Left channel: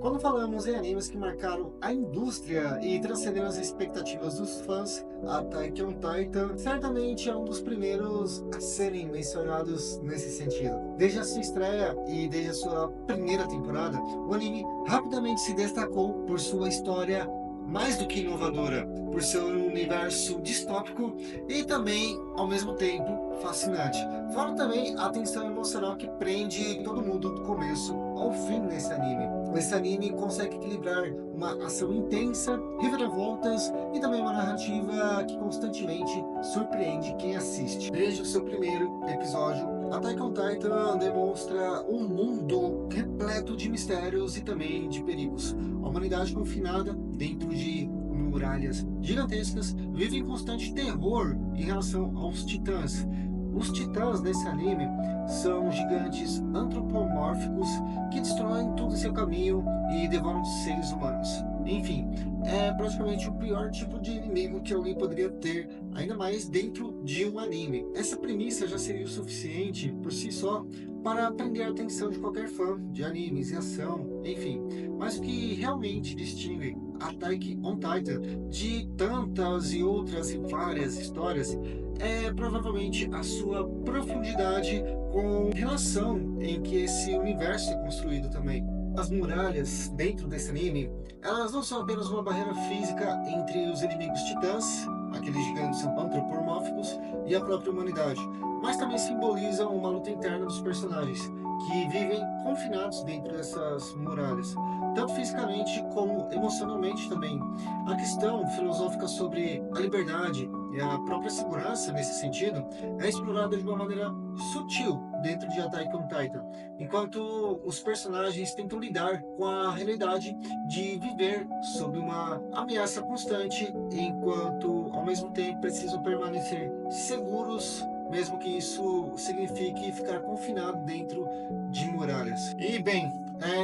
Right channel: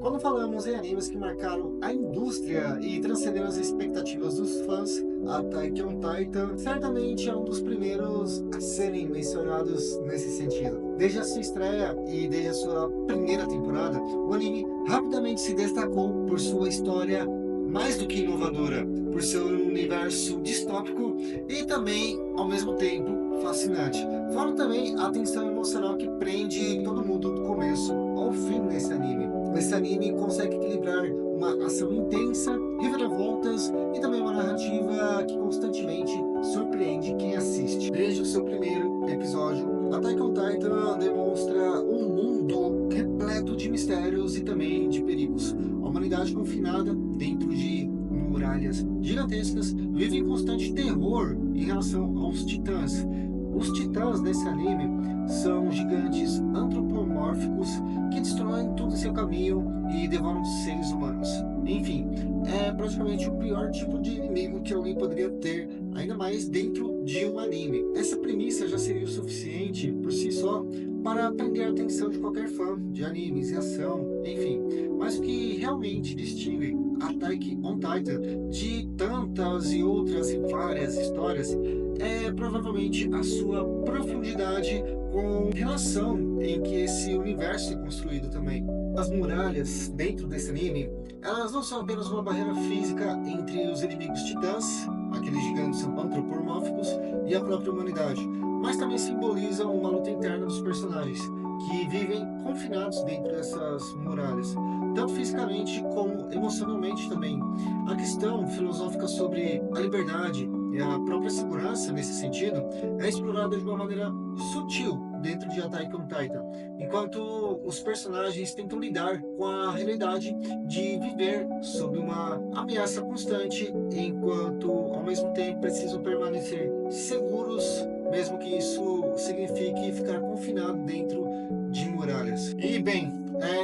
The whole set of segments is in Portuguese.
Quando falamos em animes que marcaram a indústria e transcenderam as expectativas dos fãs, Attack on Titan certamente é um dos primeiros a serem mencionados nesse sentido. Desde a sua estreia e desde a sua primeira temporada, o anime rapidamente se destacou por sua história mais do que inovadora, por seu universo distópico e também, ao mesmo tempo, fascinante. Fora também a tensão emocional que prende todo mundo do começo ao fim nesse anime. Esse anime consegue equilibrar uma ação intensa, reviravoltas e também uma narrativa que constantemente surpreende quem assiste. Desde o seu primeiro episódio, Attack on Titan demonstra um mundo repleto de mistérios e também de perigos. A humanidade confinada dentro de muralhas gigantescas vive em constante terror em relação aos titãs. Os titãs desse anime são gigantes antropomórficos que destroem tudo em seu caminho e devoram seres humanos. Enfim, é praticamente o pior tipo de inimigo que alguém poderia ter, ainda mais dentro de um anime. Essa premissa já seria o suficiente por si só para prender a atenção de qualquer fã de animes e ação, enfim. Mas o que realmente distingue Attack on Titan de tantas e outras e várias histórias é provavelmente a sua profundidade com relação em que esse universo é construído também. As muralhas dentro desse anime, elas não são apenas uma barreira física entre os inimigos titãs, aqueles gigantes antropomórficos, e a própria humanidade, mas também simbolizam uma luta interna dos personagens, que vivem confinados dentro dessas muralhas, tanto fisicamente como emocionalmente também. A questão filosófica sobre a liberdade e a própria segurança nesse sentido é explorada de uma maneira sutil dentro de Attack on Titan, enquanto os personagens tentam lidar com a realidade de viver sob uma ameaça constante, enquanto ao mesmo tempo precisam permanecer seguros, mesmo que isso signifique ficar confinado dentro de muralhas. E bem,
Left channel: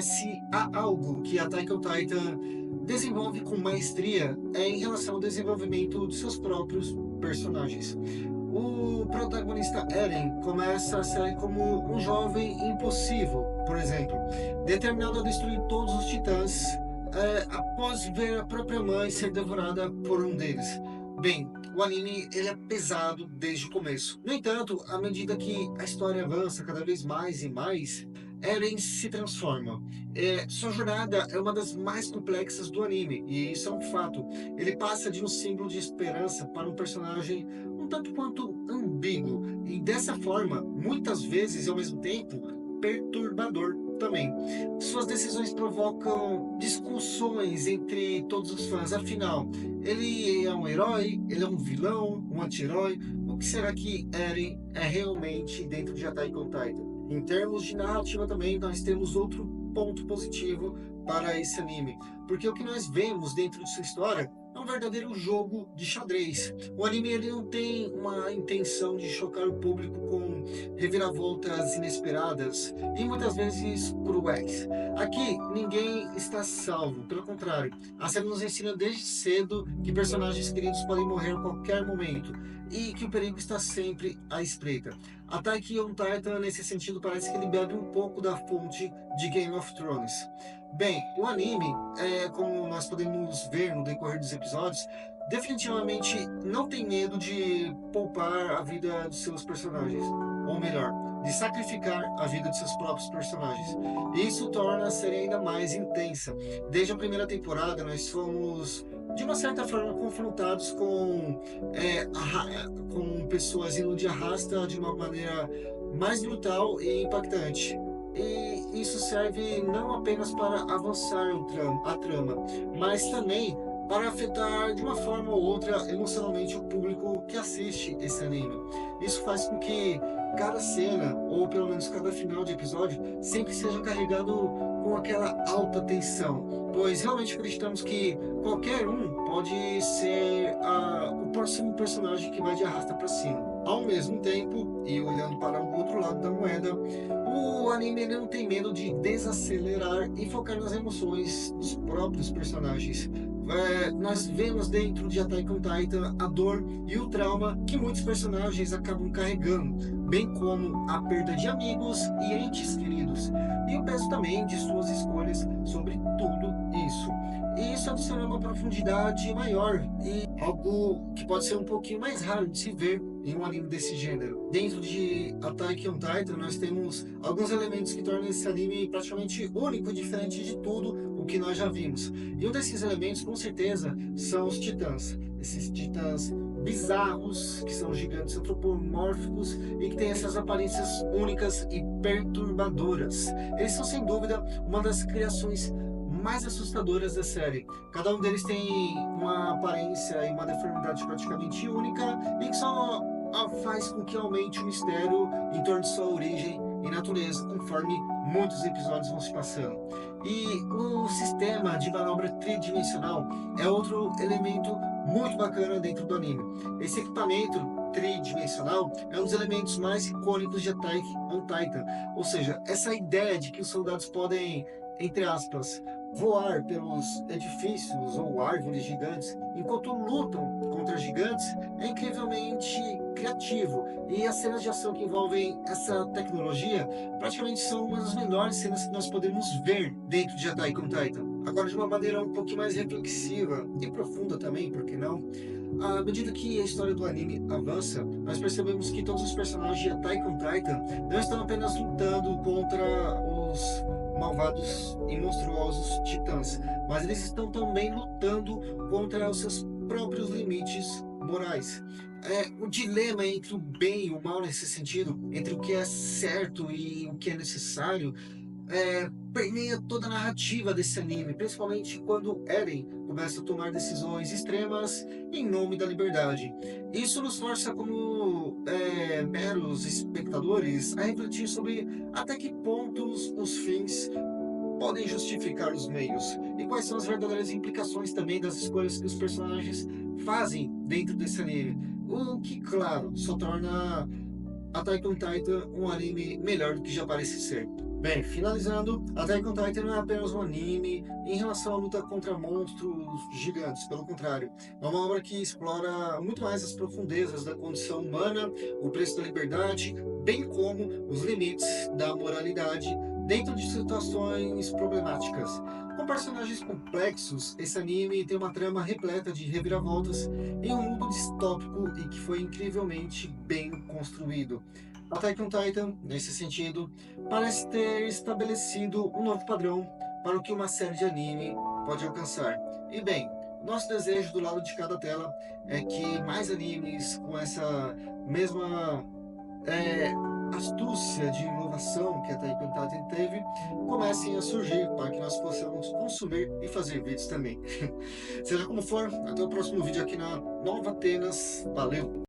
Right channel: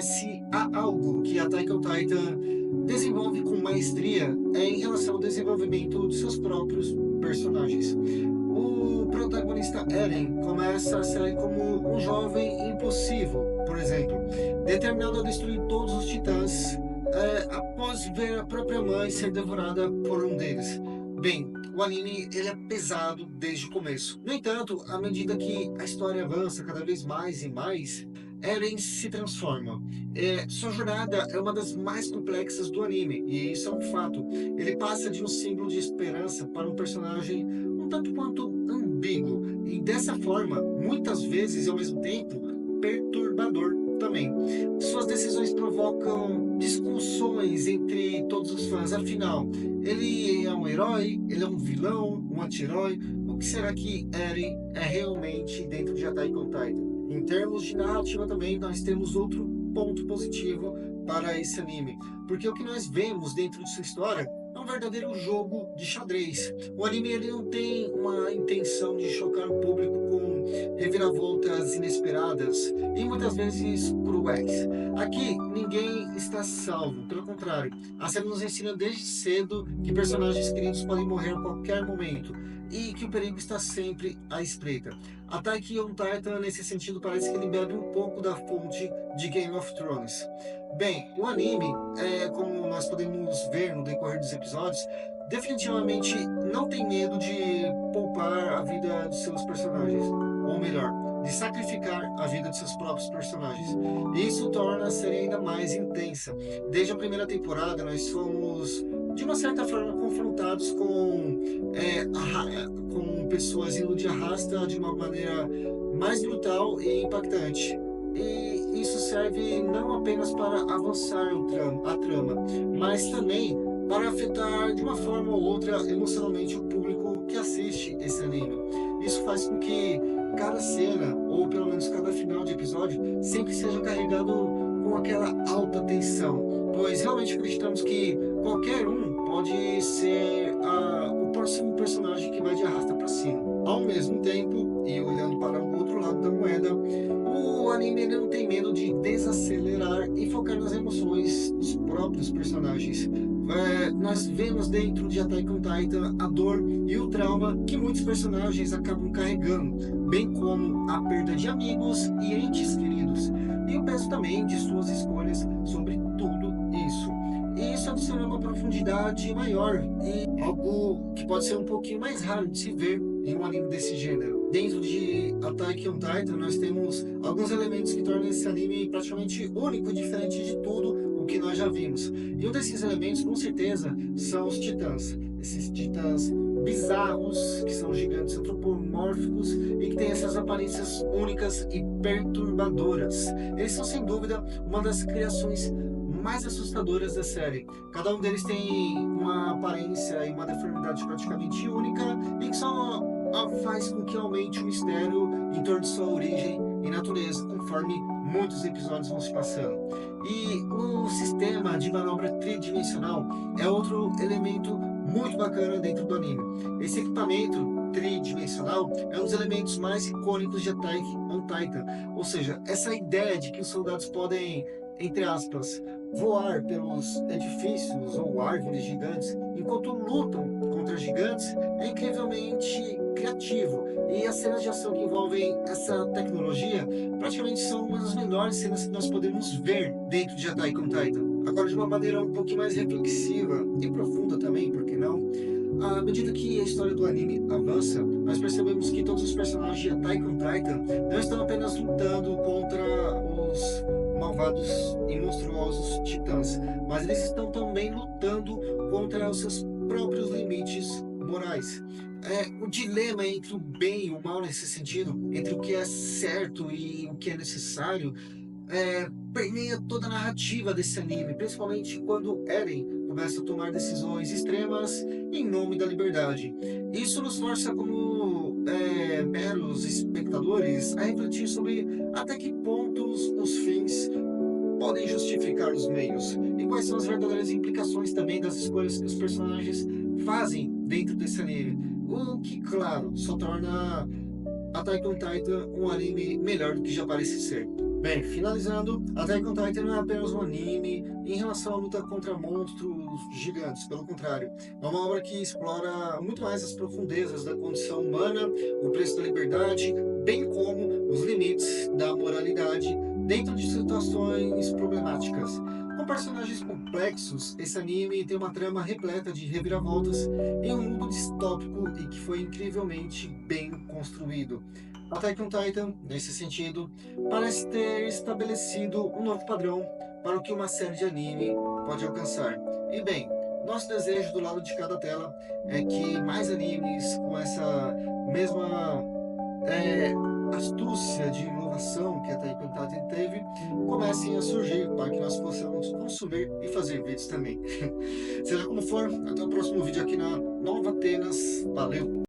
se há algo que Attack on Titan desenvolve com maestria é em relação ao desenvolvimento de seus próprios personagens. O protagonista Eren começa a ser como um jovem impulsivo, por exemplo, determinado a destruir todos os titãs após ver a própria mãe ser devorada por um deles. Bem, o anime ele é pesado desde o começo. No entanto, à medida que a história avança cada vez mais e mais, Eren se transforma. Sua jornada é uma das mais complexas do anime, e isso é um fato. Ele passa de um símbolo de esperança para um personagem um tanto quanto ambíguo, e dessa forma, muitas vezes e ao mesmo tempo, perturbador também. Suas decisões provocam discussões entre todos os fãs. Afinal, ele é um herói? Ele é um vilão? Um anti-herói? O que será que Eren é realmente dentro de Attack on Titan? Em termos de narrativa também, nós temos outro ponto positivo para esse anime, porque o que nós vemos dentro de sua história é um verdadeiro jogo de xadrez. O anime ele não tem uma intenção de chocar o público com reviravoltas inesperadas e muitas vezes cruéis. Aqui ninguém está salvo, pelo contrário, a série nos ensina desde cedo que personagens queridos podem morrer a qualquer momento e que o perigo está sempre à espreita. Attack on Titan, nesse sentido, parece que ele bebe um pouco da fonte de Game of Thrones. Bem, o anime, como nós podemos ver no decorrer dos episódios, definitivamente não tem medo de poupar a vida de seus personagens, ou melhor, de sacrificar a vida de seus próprios personagens. Isso torna a série ainda mais intensa. Desde a primeira temporada, nós fomos de uma certa forma confrontados com pessoas indo de arrasta de uma maneira mais brutal e impactante. E isso serve não apenas para avançar a trama, mas também para afetar de uma forma ou outra emocionalmente o público que assiste esse anime. Isso faz com que cada cena, ou pelo menos cada final de episódio, sempre seja carregado com aquela alta tensão, pois realmente acreditamos que qualquer um pode ser o próximo personagem que vai de arrasta para cima. Ao mesmo tempo, e olhando para o outro lado da moeda, o anime não tem medo de desacelerar e focar nas emoções dos próprios personagens. nós vemos dentro de Attack on Titan a dor e o trauma que muitos personagens acabam carregando, bem como a perda de amigos e entes queridos, e o peso também de suas escolhas sobre tudo isso. E isso adiciona uma profundidade maior e algo que pode ser um pouquinho mais raro de se ver em um anime desse gênero. Dentro de Attack on Titan, nós temos alguns elementos que tornam esse anime praticamente único e diferente de tudo o que nós já vimos. E um desses elementos, com certeza, são os titãs. Esses titãs bizarros, que são gigantes antropomórficos e que têm essas aparências únicas e perturbadoras. Eles são, sem dúvida, uma das criações mais assustadoras da série. Cada um deles tem uma aparência e uma deformidade praticamente única e que só faz com que aumente o mistério em torno de sua origem e natureza, conforme muitos episódios vão se passando. E o sistema de manobra tridimensional é outro elemento muito bacana dentro do anime. Esse equipamento tridimensional é um dos elementos mais icônicos de Attack on Titan, ou seja, essa ideia de que os soldados podem, entre aspas, voar pelos edifícios ou árvores gigantes enquanto lutam contra gigantes é incrivelmente criativo. E as cenas de ação que envolvem essa tecnologia praticamente são uma das melhores cenas que nós podemos ver dentro de Attack on Titan. Agora, de uma maneira um pouquinho mais reflexiva e profunda também, por que não? À medida que a história do anime avança, nós percebemos que todos os personagens de Attack on Titan não estão apenas lutando contra os malvados e monstruosos titãs, mas eles estão também lutando contra os seus próprios limites morais. O dilema entre o bem e o mal nesse sentido, entre o que é certo e o que é necessário, permeia toda a narrativa desse anime, principalmente quando Eren começa a tomar decisões extremas em nome da liberdade. Isso nos força como meros espectadores a refletir sobre até que pontos os fins podem justificar os meios e quais são as verdadeiras implicações também das escolhas que os personagens fazem dentro desse anime. O que, claro, só torna Attack on Titan um anime melhor do que já parece ser. Bem, finalizando, Attack on Titan não é apenas um anime em relação à luta contra monstros gigantes, pelo contrário, é uma obra que explora muito mais as profundezas da condição humana, o preço da liberdade, bem como os limites da moralidade dentro de situações problemáticas. Com personagens complexos, esse anime tem uma trama repleta de reviravoltas em um mundo distópico e que foi incrivelmente bem construído. Attack on Titan, nesse sentido, parece ter estabelecido um novo padrão para o que uma série de anime pode alcançar. E bem, nosso desejo do lado de cada tela é que mais animes com essa mesma astúcia de inovação que a Attack on Titan teve comecem a surgir para que nós possamos consumir e fazer vídeos também. Seja como for, até o próximo vídeo aqui na Nova Atenas. Valeu!